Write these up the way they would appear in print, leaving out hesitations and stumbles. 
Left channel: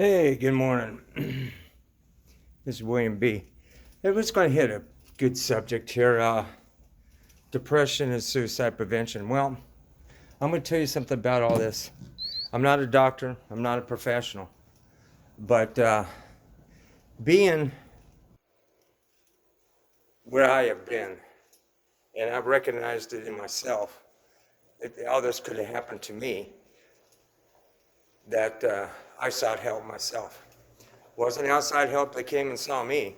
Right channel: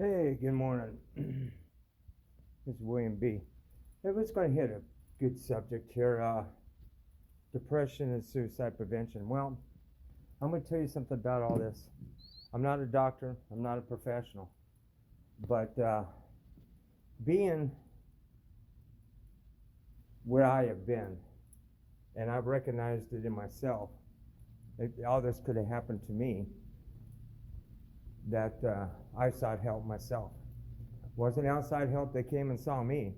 Hey, good morning. This is William B. Hey, we're just going to hit a good subject here, depression and suicide prevention. Well, I'm going to tell you something about all this. I'm not a doctor, I'm not a professional, but being where I have been, and I've recognized it in myself, all this could have happened to me, that I sought help myself. Wasn't outside help that came and saw me.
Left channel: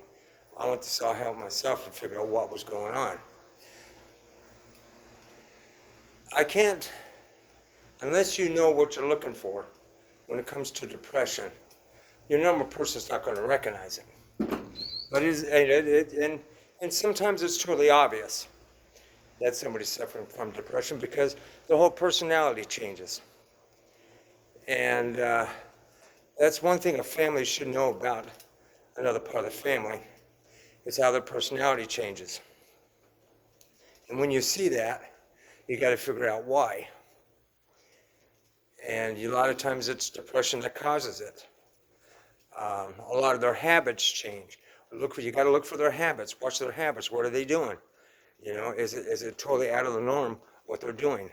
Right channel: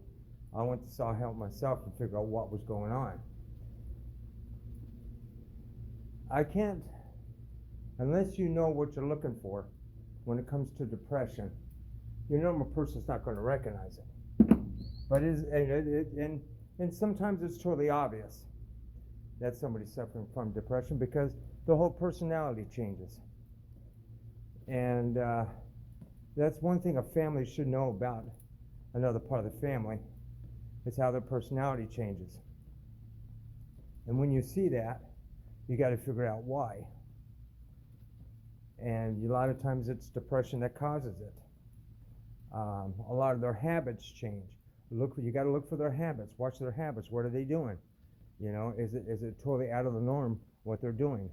I went to sought help myself to figure out what was going on. I can't, unless you know what you're looking for when it comes to depression, your normal person's not going to recognize it. But and sometimes it's totally obvious that somebody's suffering from depression because the whole personality changes. And that's one thing a family should know about another part of the family, is how their personality changes. And when you see that, you got to figure out why. And a lot of times it's depression that causes it. A lot of their habits change. You got to look for their habits. Watch their habits. What are they doing? You know, is it totally out of the norm what they're doing?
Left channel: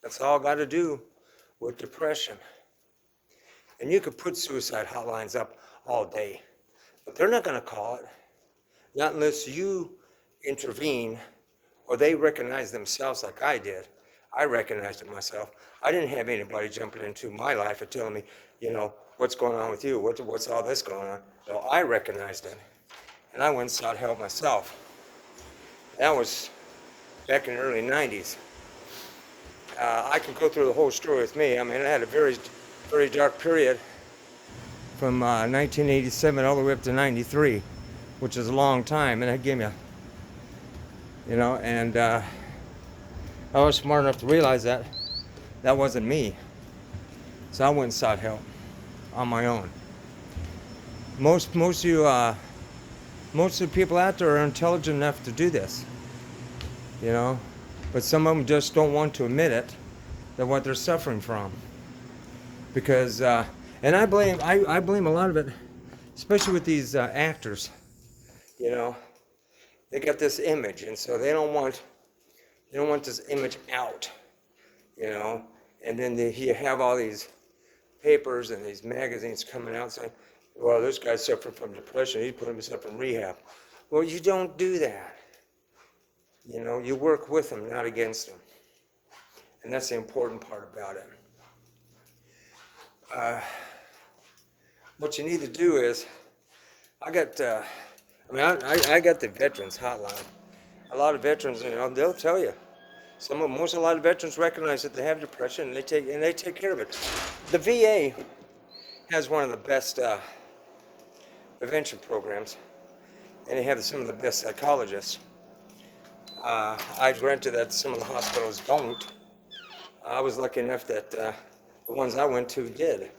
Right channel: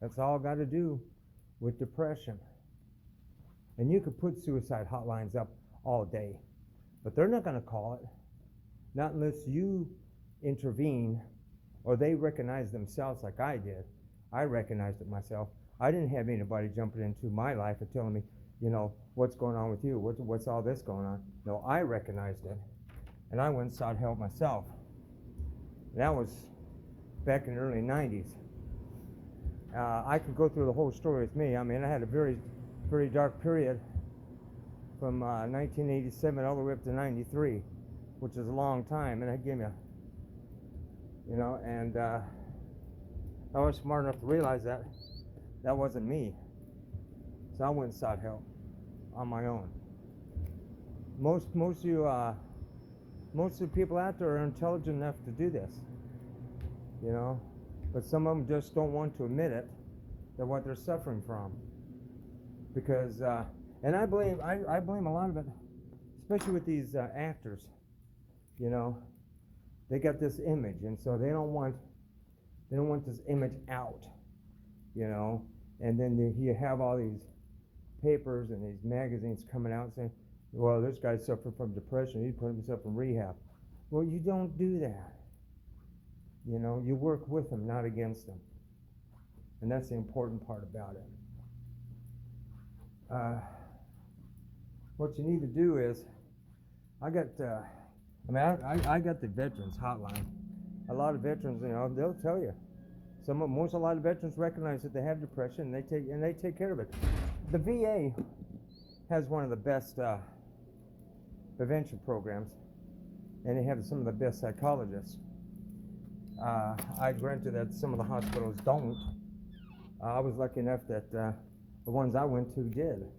That's all got to do with depression. And you could put suicide hotlines up all day, but they're not going to call it. Not unless you intervene or they recognize themselves like I did. I recognized it myself. I didn't have anybody jumping into my life and telling me, you know, what's going on with you? What's all this going on? No, I recognized it. And I went and sought help myself. That was back in the early 90s. I could go through the whole story with me. I mean, I had a very, very dark period from 1987 all the way up to 93, which is a long time. And that gave me and I was smart enough to realize that wasn't me. So I went and sought help on my own. Most of the people out there are intelligent enough to do this, but some of them just don't want to admit it, that what they're suffering from. Because, and I blame a lot of it, especially with these actors, they got this image, and so they don't want this image out, and then you have all these papers and these magazines coming out saying, well, this guy's suffering from depression, he's putting himself in rehab. Well, you don't do that. You work with them, not against them. And that's the important part about it. What you need to do is, I got the veterans hotline. A lot of veterans, they'll tell you. A lot of veterans recognize that they have depression and they take care of it. The VA has one of the best prevention programs, and they have some of the best psychologists. I granted that some of the hospitals don't. I was lucky enough that the ones I went to did.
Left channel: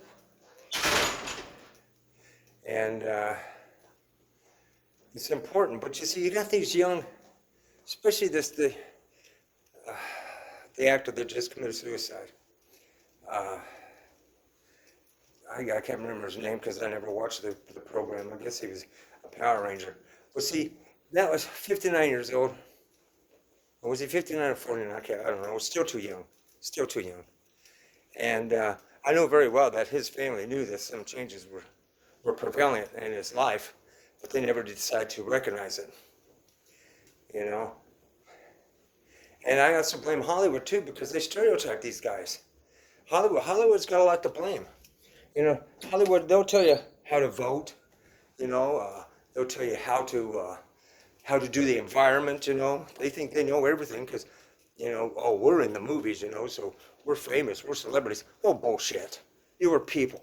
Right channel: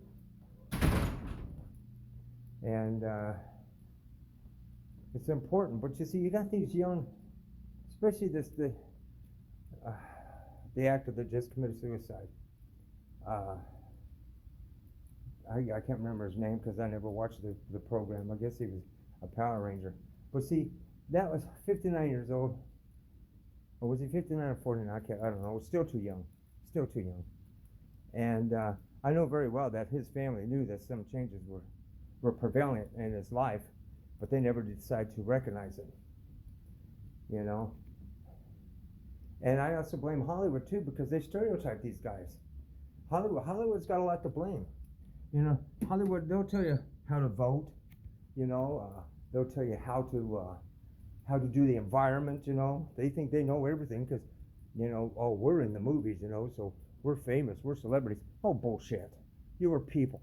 And it's important, but you see, you got these young, especially the actor that just committed suicide. I can't remember his name because I never watched the program. I guess he was a Power Ranger. But see, that was 59 years old. Or was he 59 or 49? I don't know. Still too young. And I know very well that his family knew that some changes were prevalent in his life, but they never decided to recognize it. And I also blame Hollywood too, because they stereotype these guys. Hollywood's got a lot to blame. Hollywood, they'll tell you how to vote. They'll tell you how to do the environment. They think they know everything because, we're in the movies. So we're famous, we're celebrities. Oh, bullshit! You are people.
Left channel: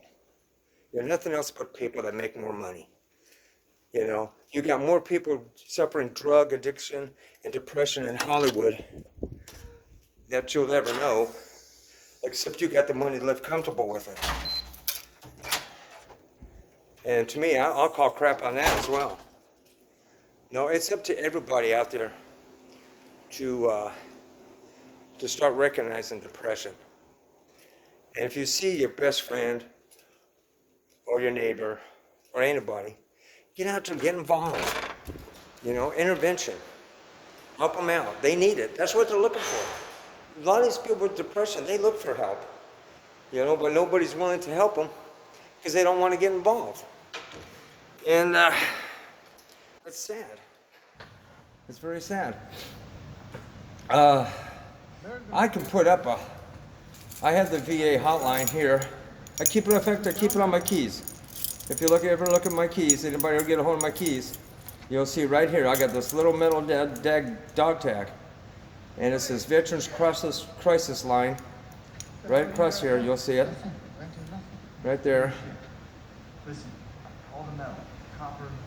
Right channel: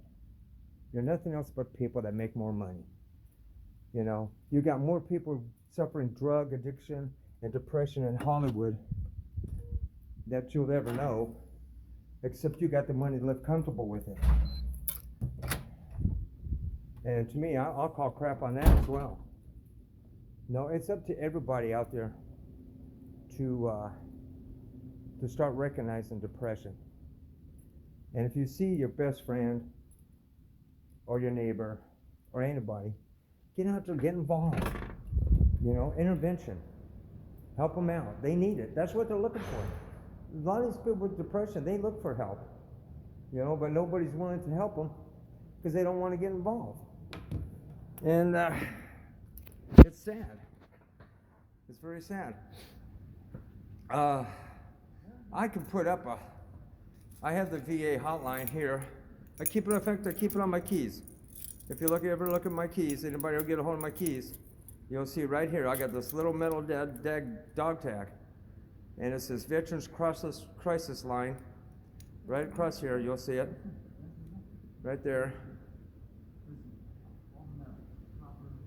You're nothing else but people that make more money. You got more people suffering drug addiction and depression in Hollywood that you'll never know, except you got the money to live comfortable with it. And to me, I'll call crap on that as well. No, it's up to everybody out there to start recognizing depression. And if you see your best friend or your neighbor or anybody, get out there, get involved. You know, intervention. Help them out. They need it. That's what they're looking for. A lot of these people with depression, they look for help. You know, but nobody's willing to help them because they don't want to get involved. And it's sad. It's very sad. I can put up I have the VA hotline here. I keep it on my keys. If you ever look at my keys, anybody will get a hold of my keys, you'll see right here, I got this little metal dog tag. And it says Veterans Crisis Line. Right across here, you'll see it. Right there.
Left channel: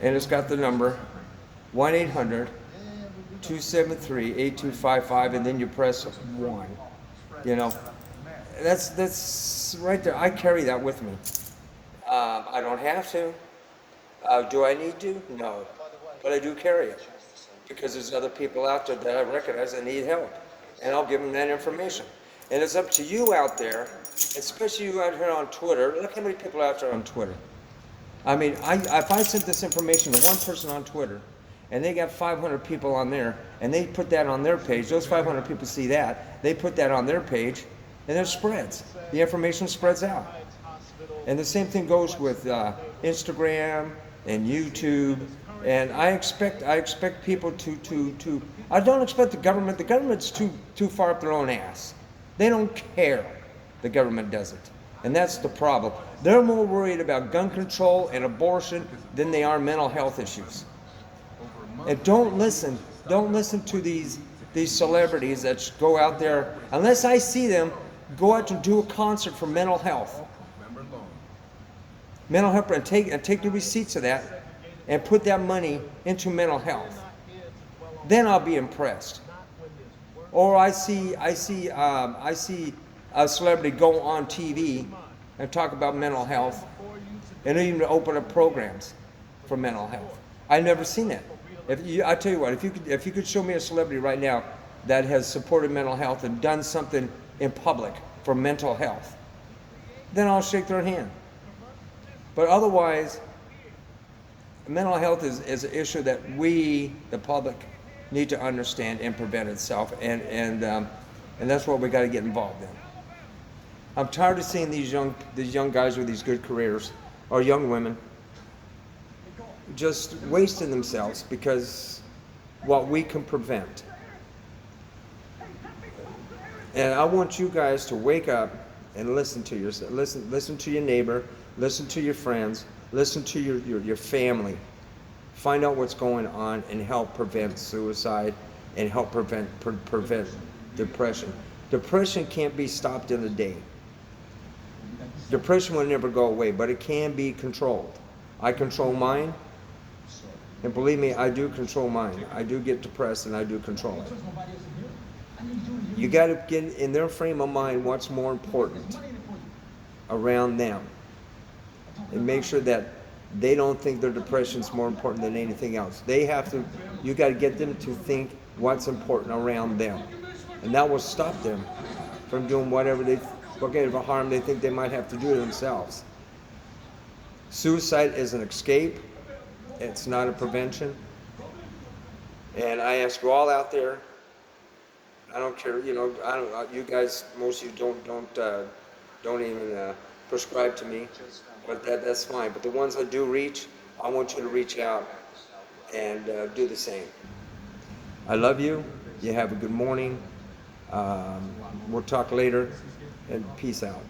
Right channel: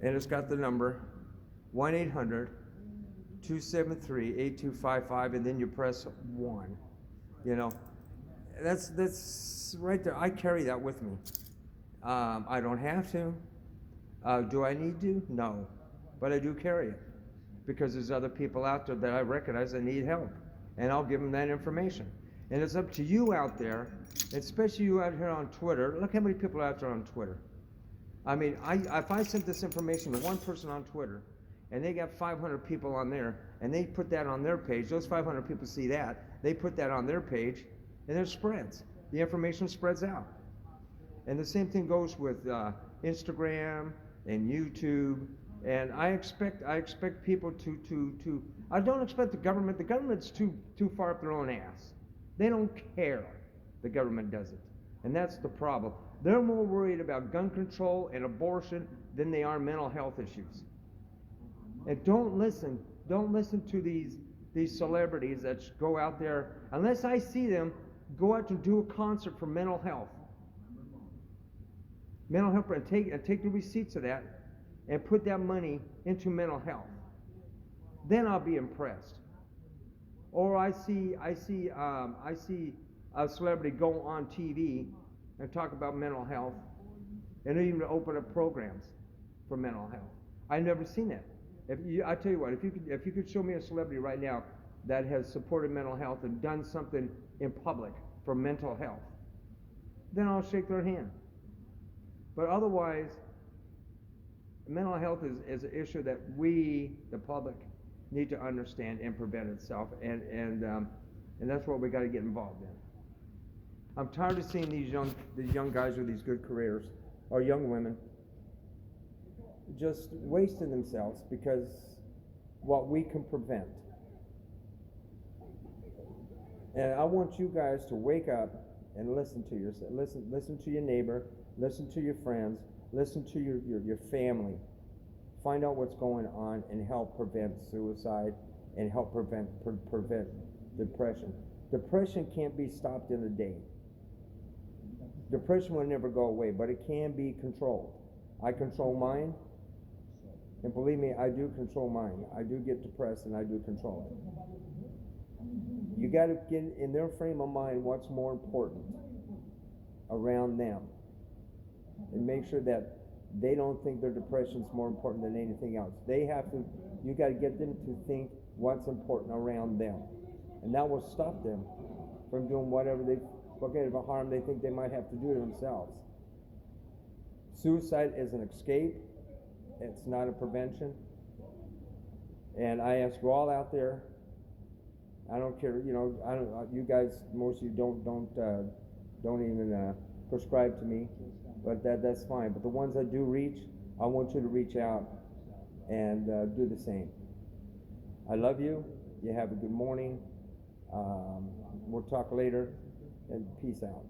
And it's got the number 1-800-273-8255, and then you press 1. You know, that's right there. I carry that with me. I don't have to. Do I need to? No. But I do carry it because there's other people out there that I recognize that need help, and I'll give them that information. And it's up to you out there, especially you out here on Twitter. Look how many people are out there on Twitter. I mean, if I sent this information to one person on Twitter, and they got 500 people on there, and they put that on their page, those 500 people see that, they put that on their page, and it spreads. The information spreads out. And the same thing goes with Instagram and YouTube. And I expect people to. I don't expect the government's too far up their own ass. They don't care. The government doesn't. And that's the problem. They're more worried about gun control and abortion than they are mental health issues. And don't listen to these celebrities that go out there, unless I see them go out to do a concert for mental health. Mental health, and take the receipts of that and put that money into mental health. Then I'll be impressed. Or I see a celebrity go on TV and talk about mental health, and even open up programs for mental health. I've never seen that. I tell you what, if you could show me a celebrity right now that has supported mental health and done something in public for mental health, then I'll shake their hand. But otherwise, mental health is an issue that we, the public, need to understand and prevent itself, and that's what we got to get involved in. I'm tired of seeing these young guys with these good careers, or young women, just wasting themselves because what we can prevent. And I want you guys to wake up and listen to yourself. Listen to your neighbor. Listen to your friends. Listen to your family. Find out what's going on and help prevent suicide and help prevent depression. Depression can't be stopped in a day. Depression will never go away, but it can be controlled. I control mine, and believe me, I do control mine. I do get depressed, and I do control it. You got to get in their frame of mind what's more important around them, and make sure that they don't think their depression is more important than anything else. You got to get them to think what's important around them, and that will stop them from doing whatever harm they think they might have to do to themselves. Suicide is an escape. It's not a prevention. And I ask you all out there, I don't care, you guys, most of you don't even prescribe to me. Well, that's fine. But the ones I do reach, I want you to reach out and do the same. I love you. You have a good morning. We'll talk later, and peace out.